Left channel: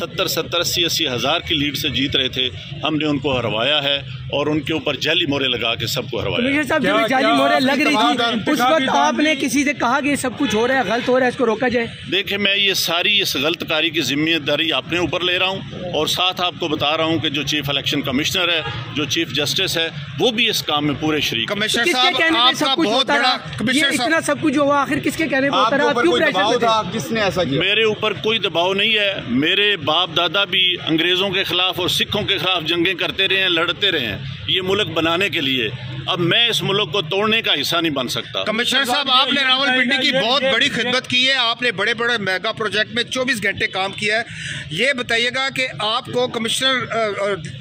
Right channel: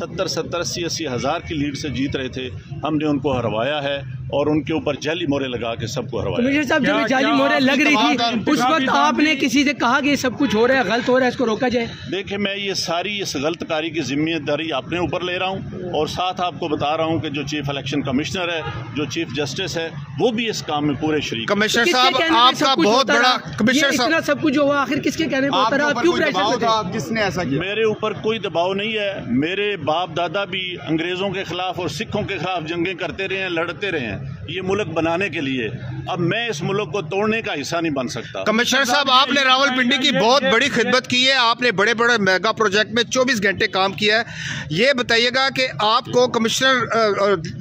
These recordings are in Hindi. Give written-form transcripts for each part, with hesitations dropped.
70, 80 हज़ार की लीड से जीत रहे थे। हमने उनको हरवाया है और उनके ऊपर जाली मोहरें लगा के सबको हरवाया। कमिश्नर साहब, जब जाली मोहरें लग रही थी उस वक्त आपने किसी से कहा कि ये सब कुछ हो रहा है, गलत हो रहा है, इसको रोका जाए? देखिए, मैं ये सारी इस गलतकारी की जिम्मेदारी अपने ऊपर ले रहा हूँ और साथ आपको बता रहा हूँ कि जो चीफ इलेक्शन कमिश्नर है, जो चीफ जस्टिस है, वो भी इस काम में पूरे शरीक। कमिश्नर साहब, सब कुछ होता रहा, ये इतना सब कुछ हुआ, आखिर किसके कहने पर होता रहा? आप क्यों प्रेशर में थे? किसने ऐसा किया? मेरे ऊपर कोई दबाव नहीं है। मेरे बाप दादा भी अंग्रेजों के खिलाफ और सिखों के खिलाफ जंगें करते रहे हैं, लड़ते रहे हैं ये मुल्क बनाने के लिए। अब मैं इस मुल्क को तोड़ने का हिस्सा नहीं बन सकता। कमिश्नर साहब, आपने रावलपिंडी की बहुत बड़ी खिदमत की है, आपने बड़े बड़े मेगा प्रोजेक्ट में 24 घंटे काम किया है। ये बताइएगा कि आपको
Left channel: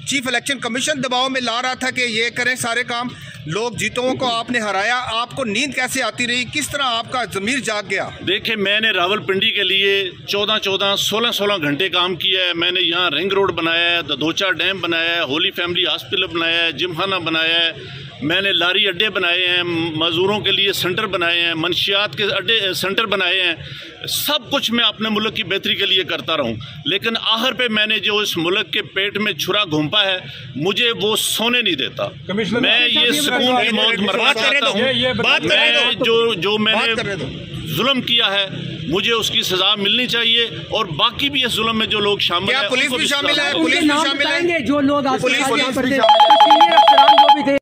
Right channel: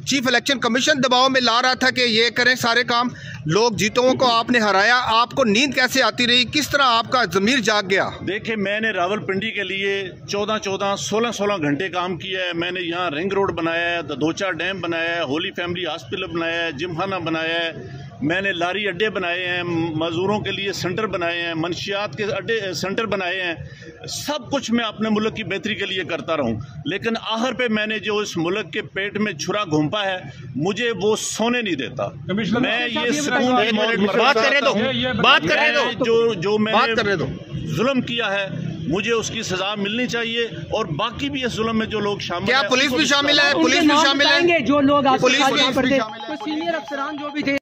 चीफ इलेक्शन कमीशन दबाव में ला रहा था कि ये करें सारे काम, लोग जीतों को आपने हराया, आपको नींद कैसे आती रही, किस तरह आपका ज़मीर जाग गया? देखिए, मैंने रावलपिंडी के लिए 14, 16 घंटे काम किया है। मैंने यहाँ रिंग रोड बनाया है, ददोचा डैम बनाया है, होली फैमिली हॉस्पिटल बनाया है, जिमखाना बनाया है, मैंने लारी अड्डे बनाए हैं, मजदूरों के लिए सेंटर बनाए हैं, मंशियात के अड्डे सेंटर बनाए हैं। सब कुछ मैं अपने मुल्क की बेहतरी के लिए करता रहूं, लेकिन आखिर पे मैंने जो इस मुल्क के पेट में छुरा घोंपा है, मुझे वो सोने नहीं देता। मैं ये सुकून की मौत मरना चाहता हूँ। मैं जो मैंने जुल्म किया है, मुझे उसकी सजा मिलनी चाहिए और बाकी भी इस जुल्म में जो लोग शामिल हैं, पुलिस भी शामिल है, उनके नाम बताएंगे जो लोग आज यहाँ पर थे, सीनियर अफसरान जो भी थे।